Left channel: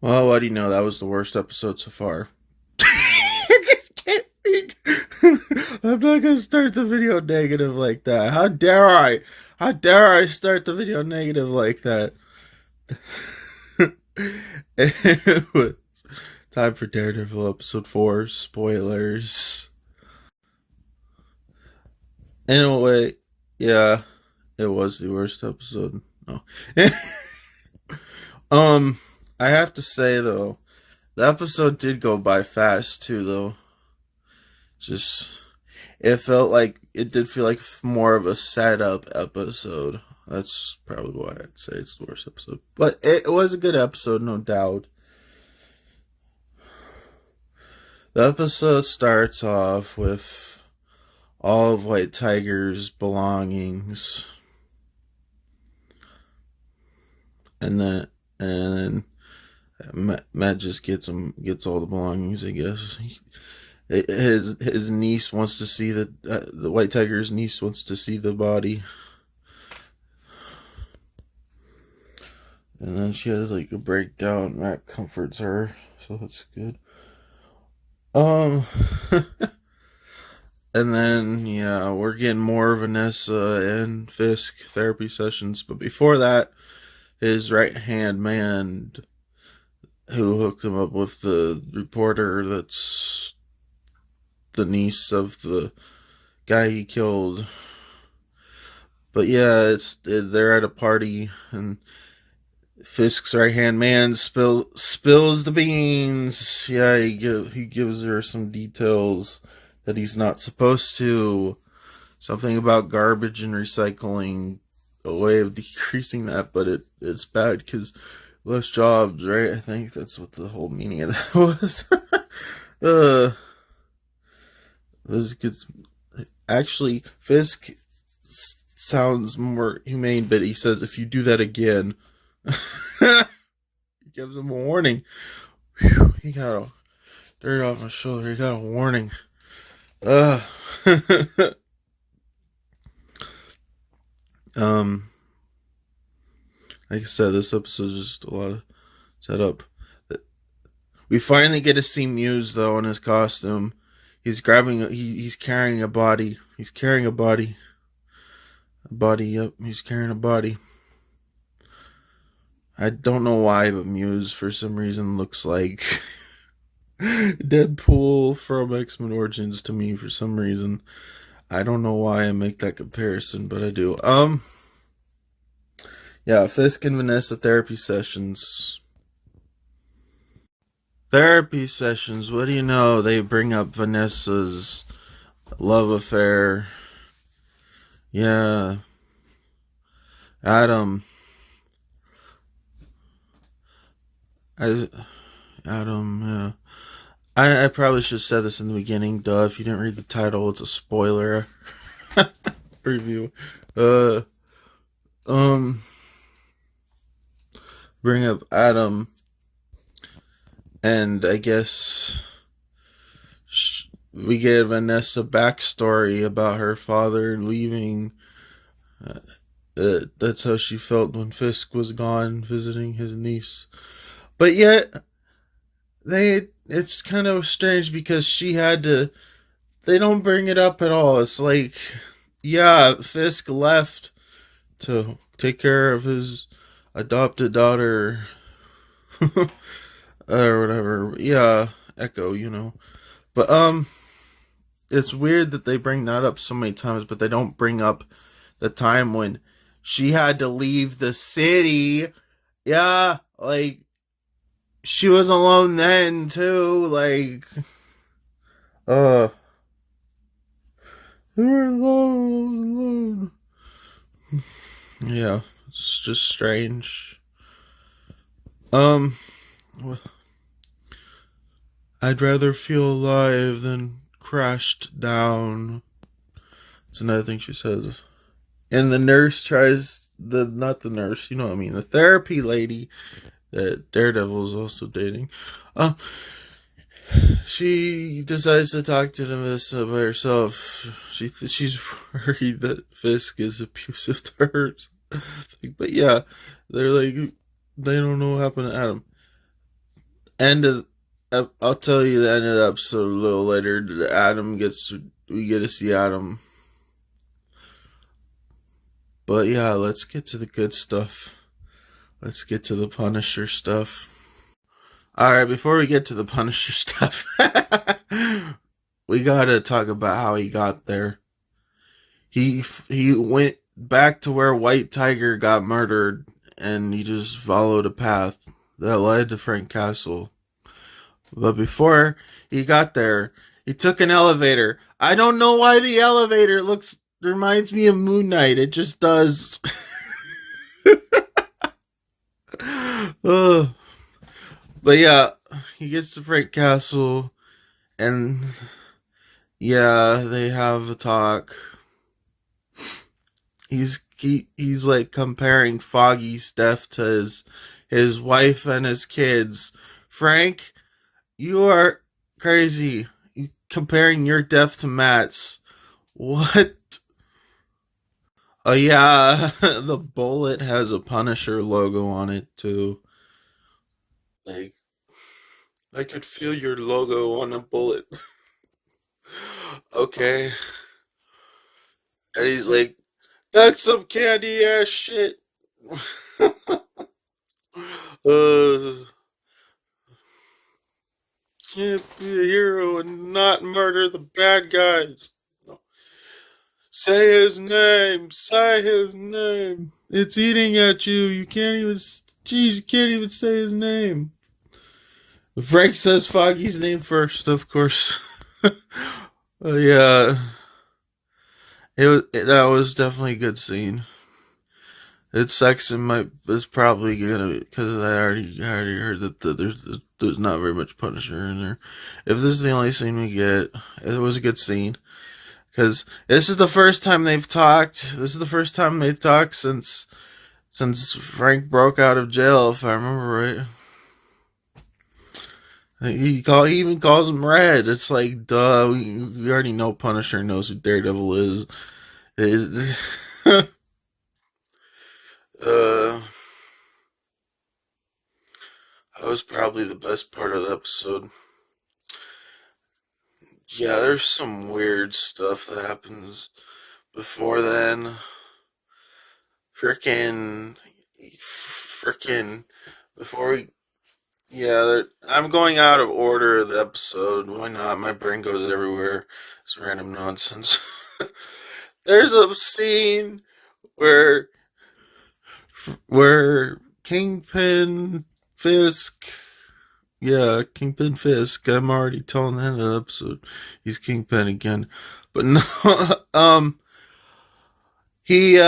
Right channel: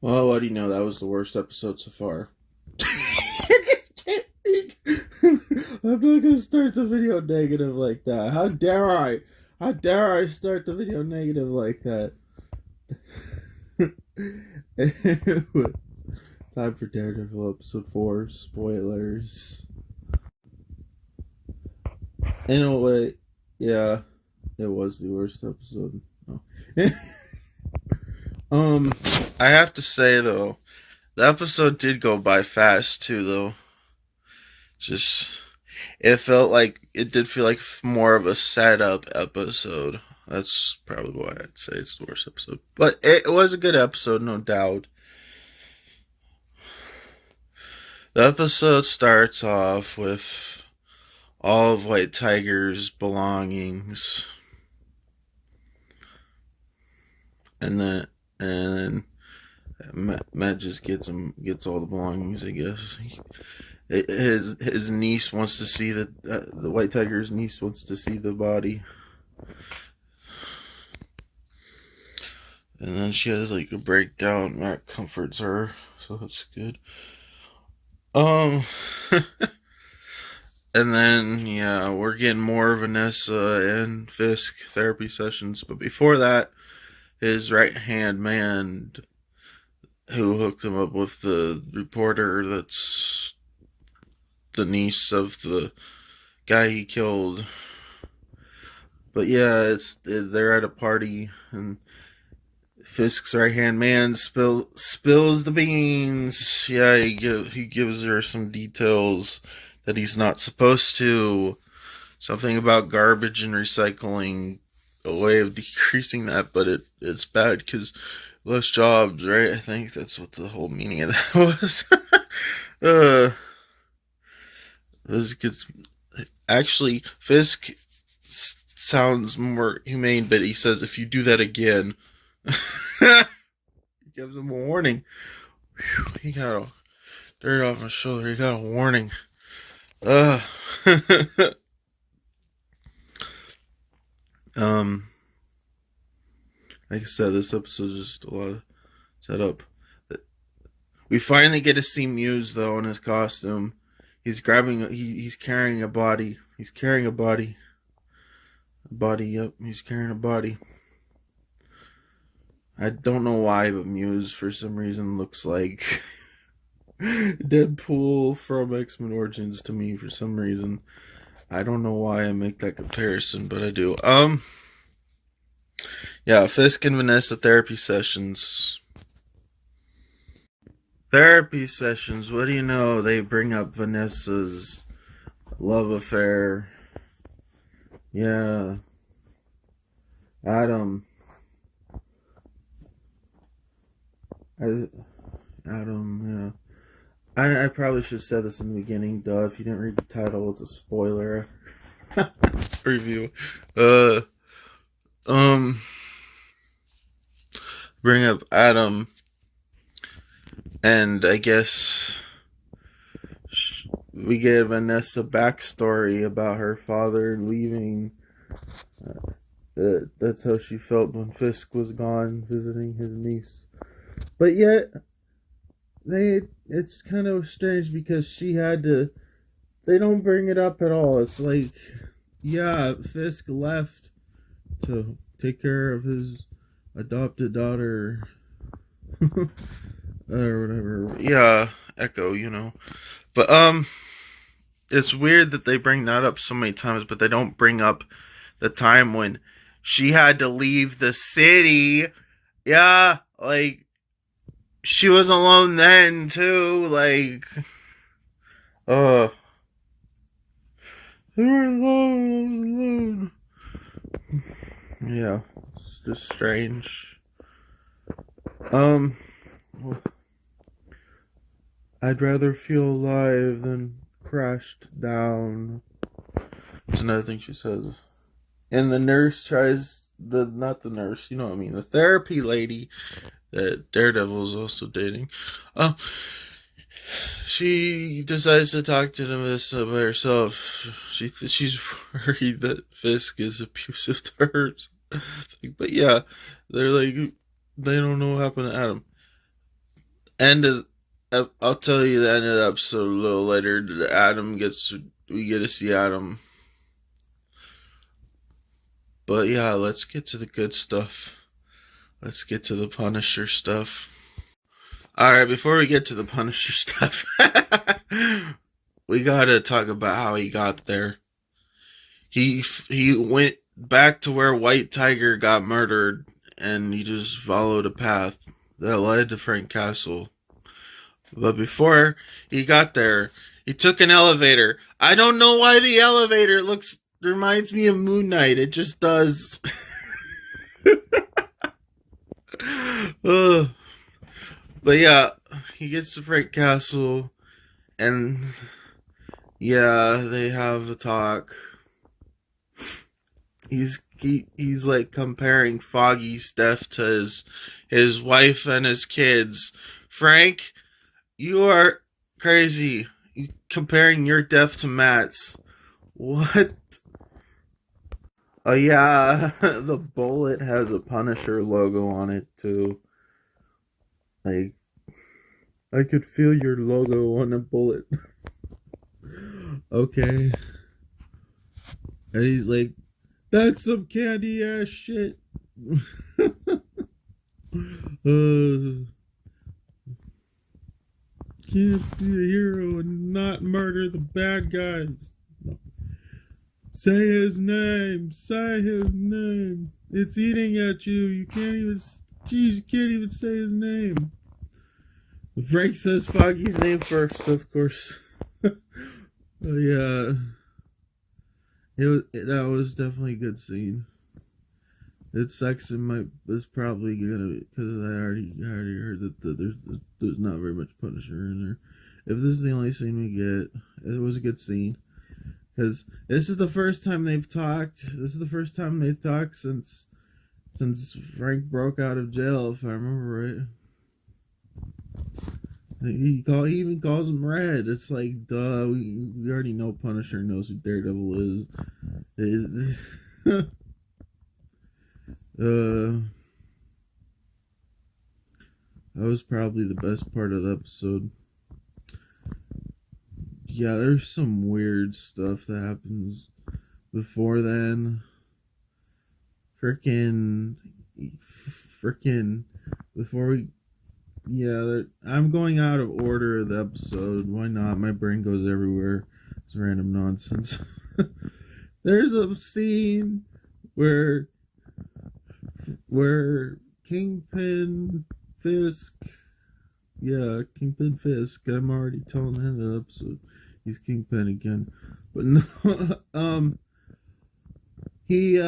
Well, what do you know? That was the worst episode so far. I just can't think. I'm not gonna start the video negative like that. How dare I? How dare I start the video negative like that? It was time for Daredevil episode 4 spoilers. In a way, yeah, it was the worst episode. No. um, I have to say though, the episode did go by fast too, though. Just it did feel like more of a setup episode. That's probably why I'd say it's the worst episode. But it was a good episode, no doubt. The episode starts off with all of White Tiger's belongings, and then Matt just gets all the belongings, I guess. His niece wants to see the White Tiger's niece wants to see the body. And then she has like a breakdown. Matt comforts her, so that's good. Um, and then yeah, we're getting more Vanessa and Fisk therapy sessions. But before that, his right hand man, who hooked him up with the reporter, that's the niece of the guy he killed. But yeah, they're at a party and Fisk's right hand man spills the beans. Yeah, he gives her some details that he's not supposed to. Something about garbage and recycling, a way of decreasing that, but it's bad because less jobs, right? I think that's what the whole meaning of that was. uh, this gets actually Fisk sounds more humane, but he says if you do that again. He gives him a warning. Whew, he got a dirt off my shoulder. He got a warning. Uh, um, like I said, this episode is just a lot of setup. We finally get to see Muse though in his costume. He's he's carrying a body. He's carrying a body. A body. Yep, he's carrying a body. I don't know why, but Muse for some reason looks like Deadpool from X-Men Origins to me for some reason. I don't know why I make that comparison, but I do. Yeah, Fisk and Vanessa therapy sessions. Therapy sessions, what do you know? They bring up Vanessa's love affair. Yeah. Adam. I Adam, yeah. I probably should have said this in the beginning, duh. If you didn't read the title, it's a spoiler review. Uh um bring up Adam, and I guess we get Vanessa backstory about her father leaving. That's how she felt when Fisk was gone visiting his niece. But yet, it's kind of strange because she had to. They don't bring it up at all. It's like, yeah, Fisk left to take care of his adopted daughter or whatever. Yeah, Echo, you know. But it's weird that they bring that up so many times, but they don't bring up the time when she had to leave the city. Yeah, like she was alone then too. Like, oh, they were alone. Yeah, it's just strange. Um, I'd rather feel alive than crashed down. That's another thing she says. And the nurse tries not the nurse, you know what I mean, the therapy lady that Daredevil is also dating. Uh, she decides to talk to Vanessa by herself. She's worried that Fisk is abusive to her. But yeah, they're like they don't know what happened to Adam. end of I'll tell you the end of the episode a little later. We get to see Adam. But yeah, let's get to the good stuff. Let's get to the Punisher stuff. All right, before we get to the Punisher stuff, we gotta talk about how he got there. He went back to where White Tiger got murdered, and he just followed a path that led to Frank Castle. But before he got there, he took an elevator. I don't know why the elevator looks reminds me of Moon Knight. It just does. uh, but yeah, he gets to Frank Castle, and yeah, they have a talk. He's like comparing Foggy's death to his wife and his kids. Frank, you are crazy. Comparing your death to Matt's. What? Oh yeah, the bullet has a Punisher logo on it too. Like I could feel your logo on a bullet. Okay. And he's like, that's some candy ass shit. uh can't be a hero and not murder the bad guys. No. Say his name. Say his name. It's eating at you. You can't even. Jeez, you can't even say his name. Frank says Foggy's name first, of course. Yeah, that was definitely a good scene. It sucks. It's probably gonna because I already heard that there's not very much Punisher in there. If this is the only scene we get, it was a good scene because this is the first time they've talked. This is the first time they've talked since Frank broke out of jail, if I remember right. He even calls him Red. It's like, duh, we already know Punisher knows who Daredevil is. uh, that was probably the best part of the episode. Yeah, there's some weird stuff that happens before then. Frickin' before we Yeah, I'm going out of order of the episode. Why not? My brain goes everywhere. It's random nonsense. There's a scene where Kingpin Fisk, yeah, Kingpin Fisk. I'm already telling the end of the episode. He's Kingpin again, but no, he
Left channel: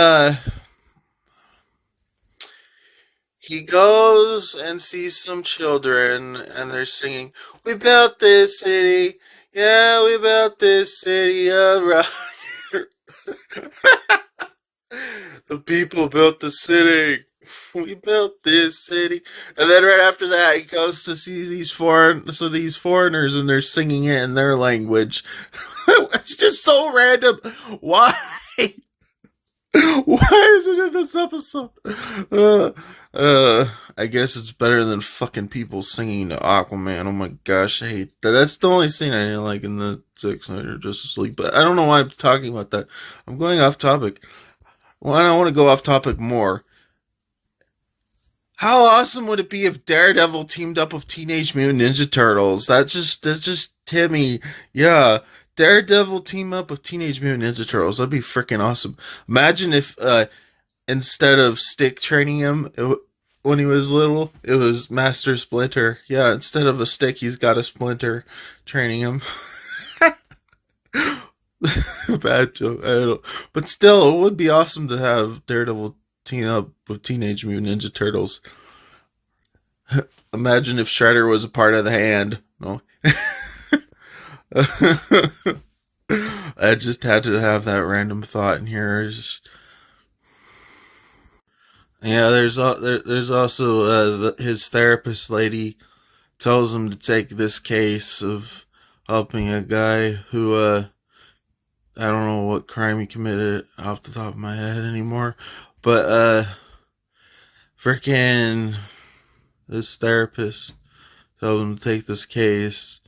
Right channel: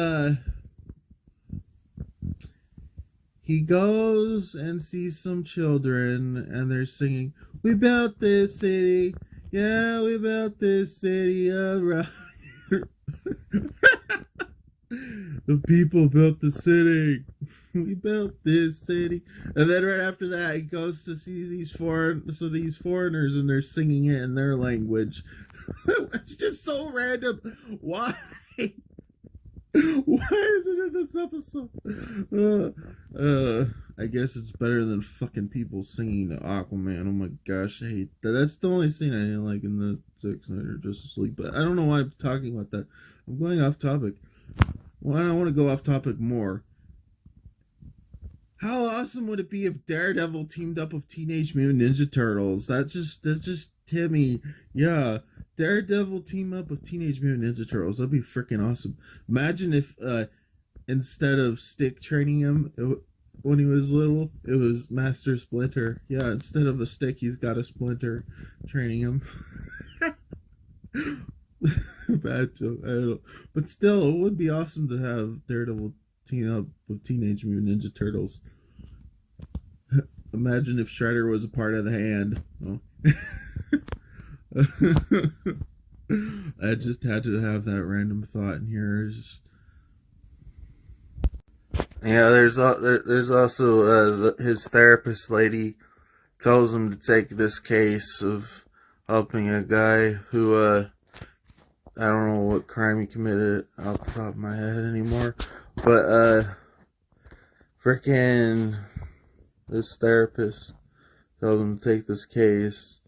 he goes and sees some children and they're singing, "We built this city. Yeah, we built this city of rock." The people built the city. We built this city. And then right after that, he goes to see these foreigners and they're singing it in their language. It's just so random. Why? Why is it in this episode? Uh, I guess it's better than fucking people singing to Aquaman. Oh my gosh, I hate that. That's the only scene I didn't like in the Zack Snyder Justice League. But I don't know why I'm talking about that. I'm going off topic. Well, I want to go off topic more. How awesome would it be if Daredevil teamed up with Teenage Mutant Ninja Turtles? That's just Timmy. Yeah, Daredevil team up with Teenage Mutant Ninja Turtles. That'd be freaking awesome. Imagine if instead of Stick training him when he was little, it was Master Splinter. Yeah, instead of a stick, he's got a splinter training him. Bad joke. I don't. But still, it would be awesome to have Daredevil team up with Teenage Mutant Ninja Turtles. Imagine if Shredder was a part of the Hand. No. I just had to have that random thought in here. Yeah, there's also his therapist lady tells him to take this case of helping a guy who I don't know what crime he committed off the top of my head anymore, but freaking this therapist tells him to take this case,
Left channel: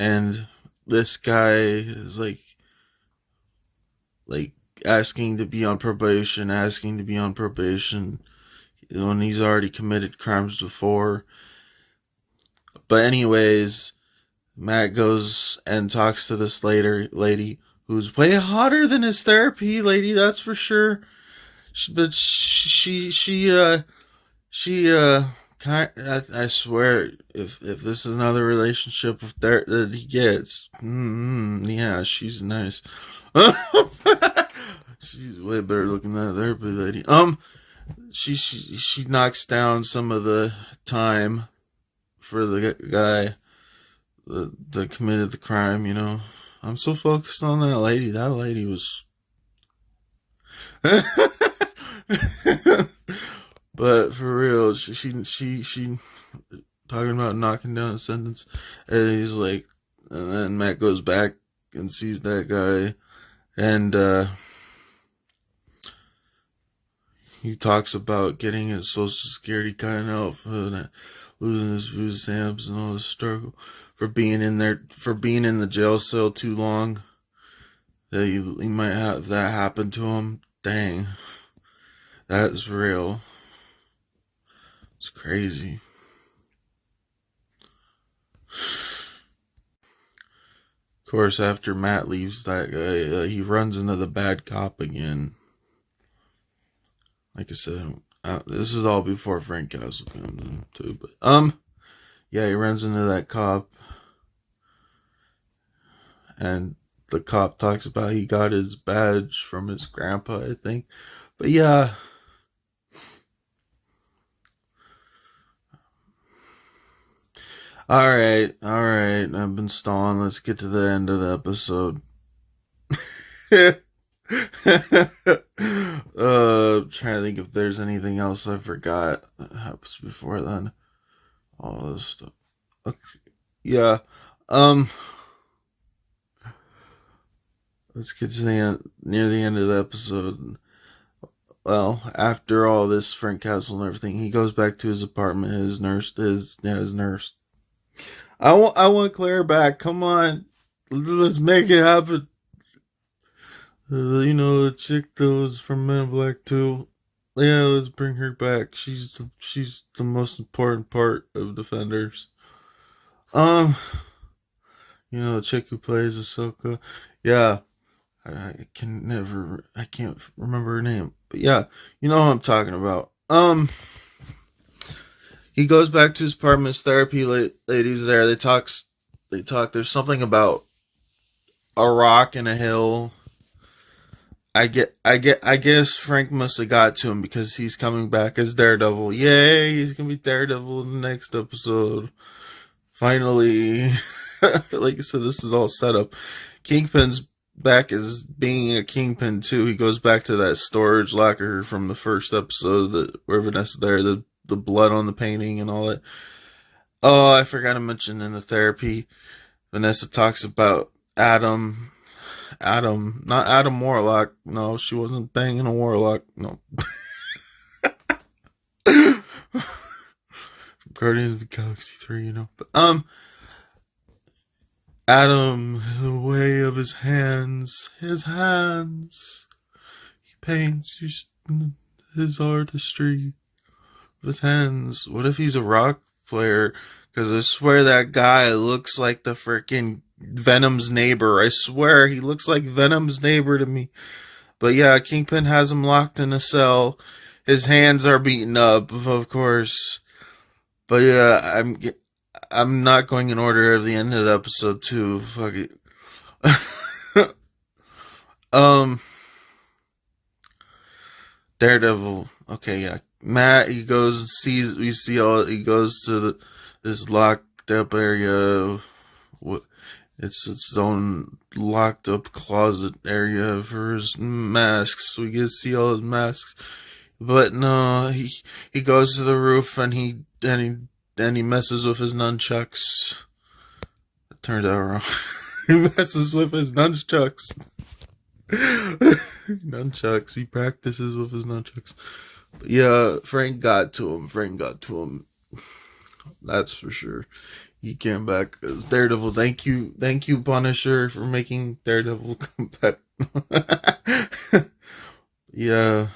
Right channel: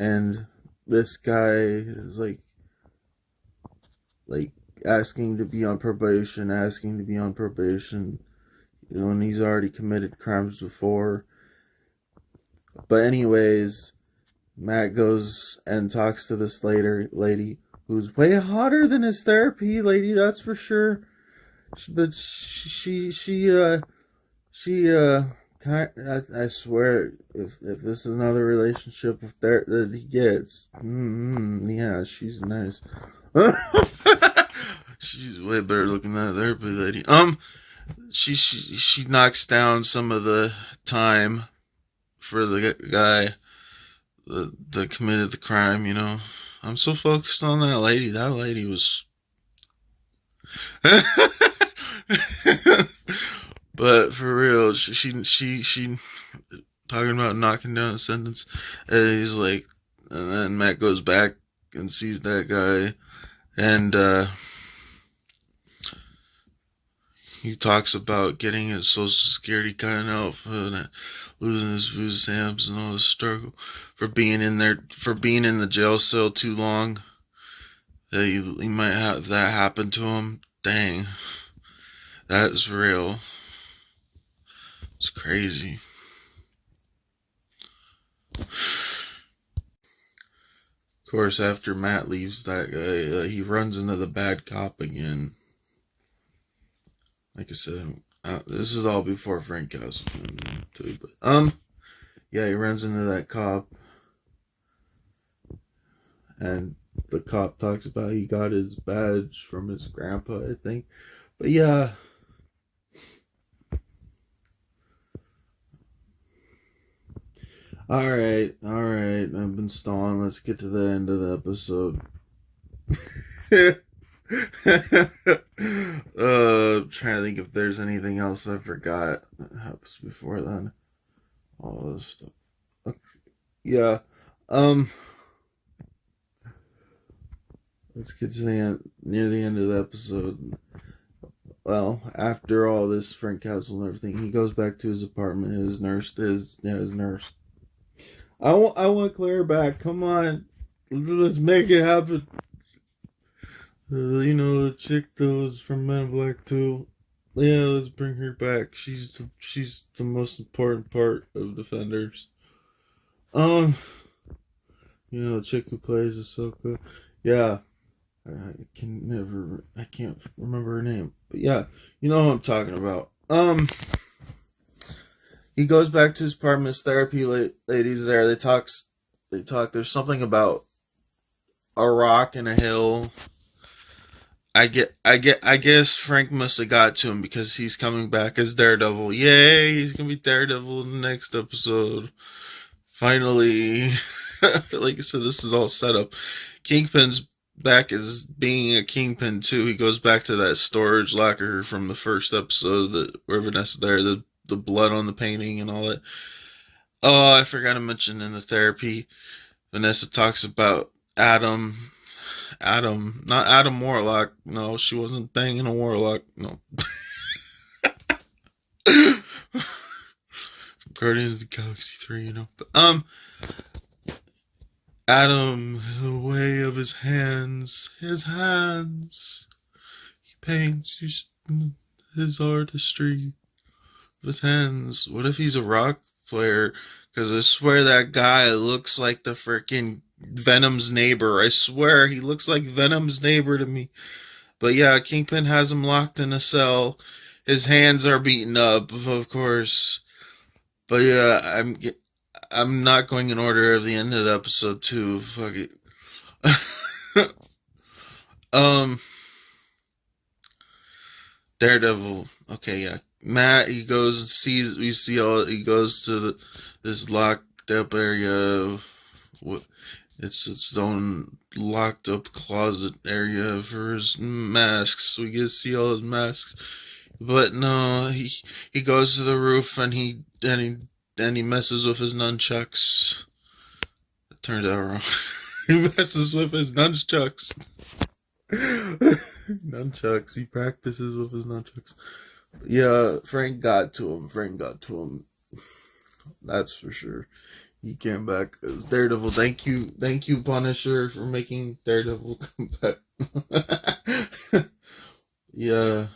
and this guy is like asking to be on probation, when he's already committed crimes before. But anyways, Matt goes and talks to this lady who's way hotter than his therapy lady, that's for sure. But she I swear, if this is another relationship that he gets, yeah, she's nice. She's way better looking than that therapy lady. She knocks down some of the time for the guy that committed the crime. I'm so focused on that lady. That lady was. But for real, she talking about knocking down a sentence, and he's like, and then Matt goes back and sees that guy, and he talks about getting his social security cut off and losing his food stamps and all this struggle for being in the jail cell too long. That he might have that happen to him. Dang, that's real. It's crazy. Of course, after Matt leaves that guy, he runs into the bad cop again. Like I said, this is all before Frank Castle comes in too. But yeah, he runs into that cop, and the cop talks about he got his badge from his grandpa, I think. But yeah. Alright. I've been stalling. Let's get to the end of the episode. Trying to think if there's anything else I forgot that happens before then. All this stuff. Okay. Yeah. Let's get to near the end of the episode. Well, after all this Frank Castle and everything, he goes back to his apartment. His nurse. I want Claire back. Come on, let's make it happen. The chick that was from Men in Black 2. Yeah, let's bring her back. She's the most important part of Defenders. Um, the chick who plays Ahsoka. Yeah, I can't remember her name. But yeah, you know what I'm talking about. He goes back to his apartment. His therapy lady's there. They talk. There's something about a rock and a hill. I guess Frank must have got to him because he's coming back as Daredevil. Yay, he's gonna be Daredevil in the next episode. Finally. Like I said, this is all set up. Kingpin's back as being a Kingpin too. He goes back to that storage locker from the first episode where Vanessa there, the blood on the painting and all that. Oh, I forgot to mention in the therapy, Vanessa talks about Adam, not Adam Warlock. No, she wasn't banging a Warlock. No. Guardians of the Galaxy 3, But, Adam, the way of his hands. He paints his artistry with his hands. What if he's a rock player? Because I swear that guy looks like the freaking Venom's neighbor. I swear he looks like Venom's neighbor to me. But yeah, Kingpin has him locked in a cell. His hands are beaten up, of course. But yeah, I'm not going in order of the end of the episode too. Fuck it. Daredevil. Okay, yeah. Matt, he goes and sees. He goes to this locked up area. It's its own locked up closet area for his masks. We get to see all his masks. But no, he goes to the roof and he messes with his nunchucks. It turned out wrong. He messes with his nunchucks. Nunchucks. He practices with his nunchucks. But yeah, Frank got to him. That's for sure. He came back as Daredevil. Thank you, Punisher, for making Daredevil come back. Yeah,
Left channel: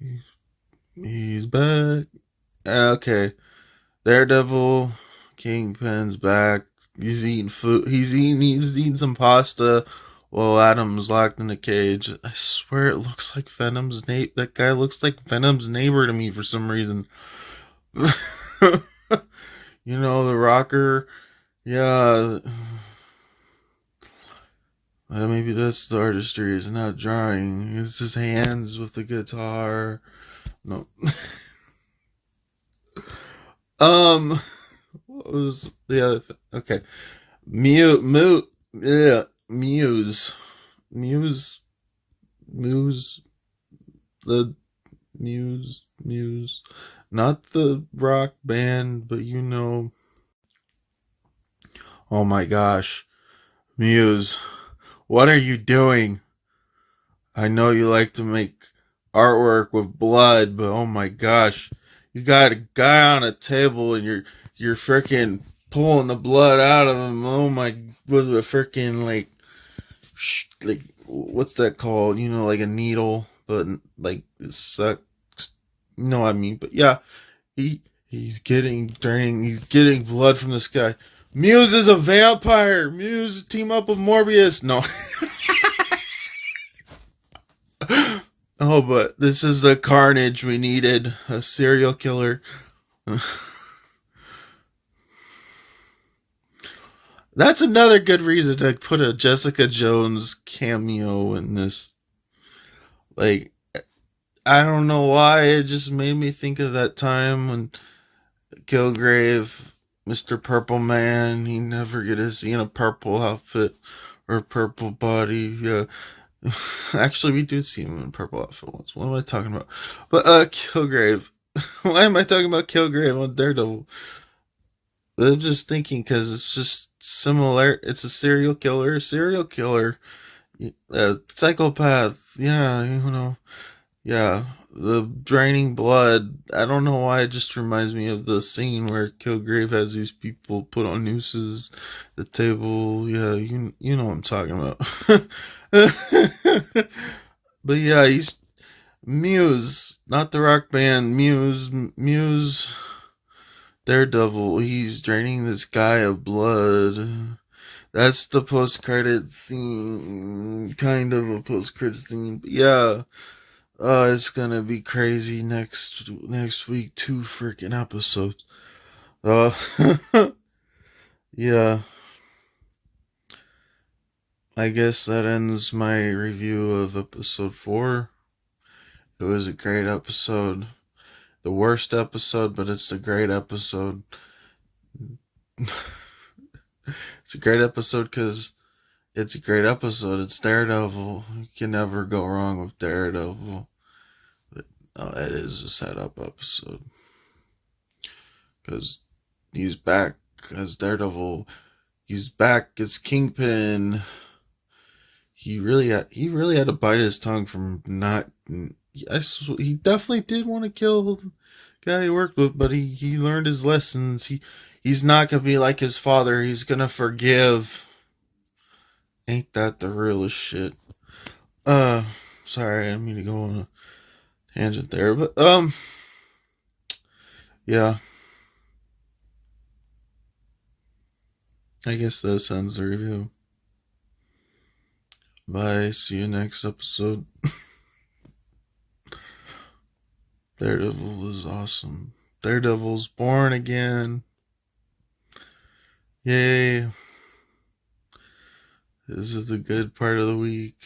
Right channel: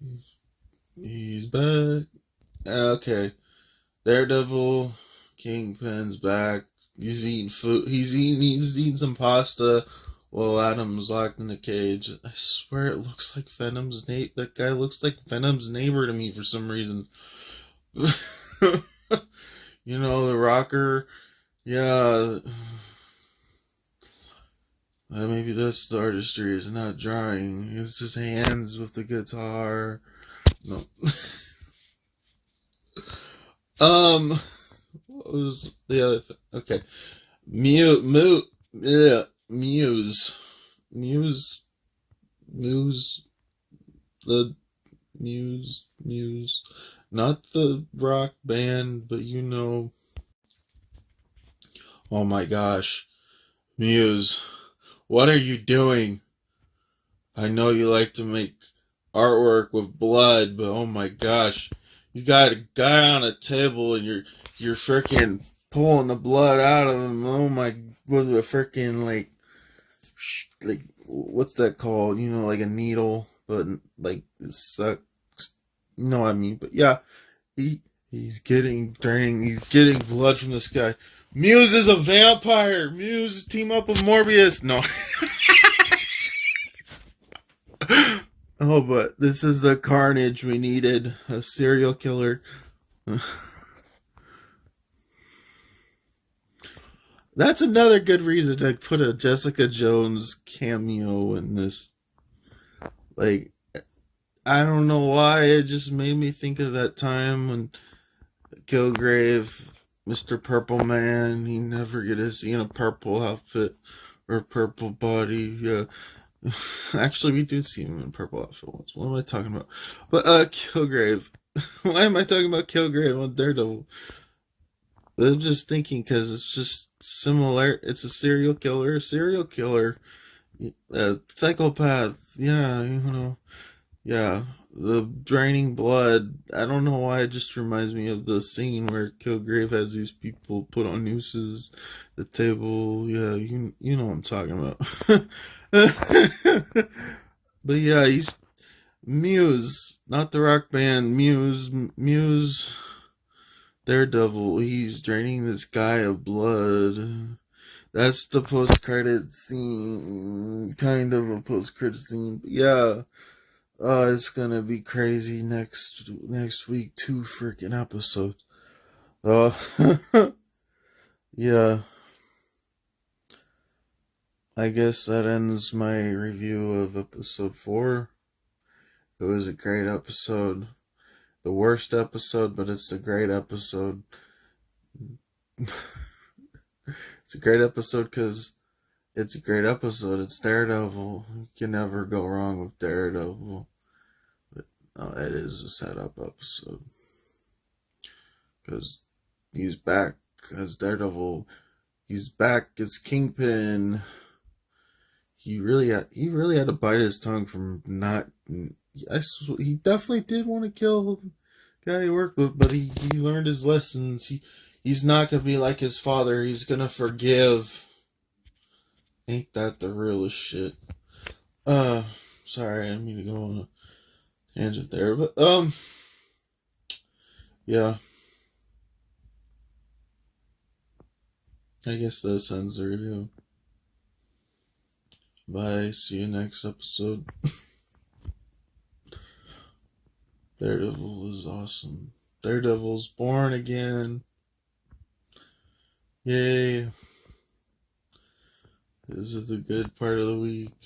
he's, he's back. Okay, Daredevil, Kingpin's back. He's eating food. He's eating some pasta while Adam's locked in a cage. I swear it looks like Venom's neighbor. That guy looks like Venom's neighbor to me for some reason. You know, the rocker. Yeah. Maybe that's the artistry. He's not drawing. It's his hands with the guitar. No. um. What was the other thing? Okay. Yeah. Muse. Muse. The Muse. Not the rock band, but you know. Oh my gosh. Muse. What are you doing? I know you like to make artwork with blood, but oh my gosh, you got a guy on a table and you're freaking pulling the blood out of him. Oh my, with a freaking like what's that called? You know, like a needle, but like it sucks. You know what I mean? But yeah, he he's getting draining. He's getting blood from this guy. Muse is a vampire. Muse team up with Morbius. No. Oh, but this is the carnage we needed. A serial killer. That's another good reason to put a Jessica Jones cameo in this. Like, I don't know why. It just made me think of that time when Kilgrave, Mr. Purple Man, he never get to see in a purple outfit or purple body. Yeah. Actually, we do see him in purple outfit once. What am I talking about? But Kilgrave. Why am I talking about Kilgrave on Daredevil? I'm just thinking because it's just similar. It's a serial killer, psychopath. Yeah, you know, yeah. The draining blood. I don't know why. It just reminds me of the scene where Kilgrave has these people put on nooses, the table. Yeah, you know what I'm talking about. But yeah, he's Muse, not the rock band. Muse. Daredevil, he's draining this guy of blood. That's the post-credit scene, kind of a post-credit scene. But yeah, it's gonna be crazy next week. 2 freaking episodes. Uh, yeah. I guess that ends my review of episode 4. It was a great episode. The worst episode, but it's a great episode. It's a great episode because it's a great episode. It's Daredevil. You can never go wrong with Daredevil. But, it is a setup episode because he's back as Daredevil. He's back as Kingpin. He really had to bite his tongue from not. He definitely did want to kill the guy he worked with, but he learned his lessons. He's not gonna be like his father. He's gonna forgive. Ain't that the realest shit? Uh, Sorry, I didn't mean to go on a tangent there, but yeah, I guess that ends the review. Bye. See you next episode. Daredevil is awesome. Daredevil's born again. Yay. This is the good part of the week.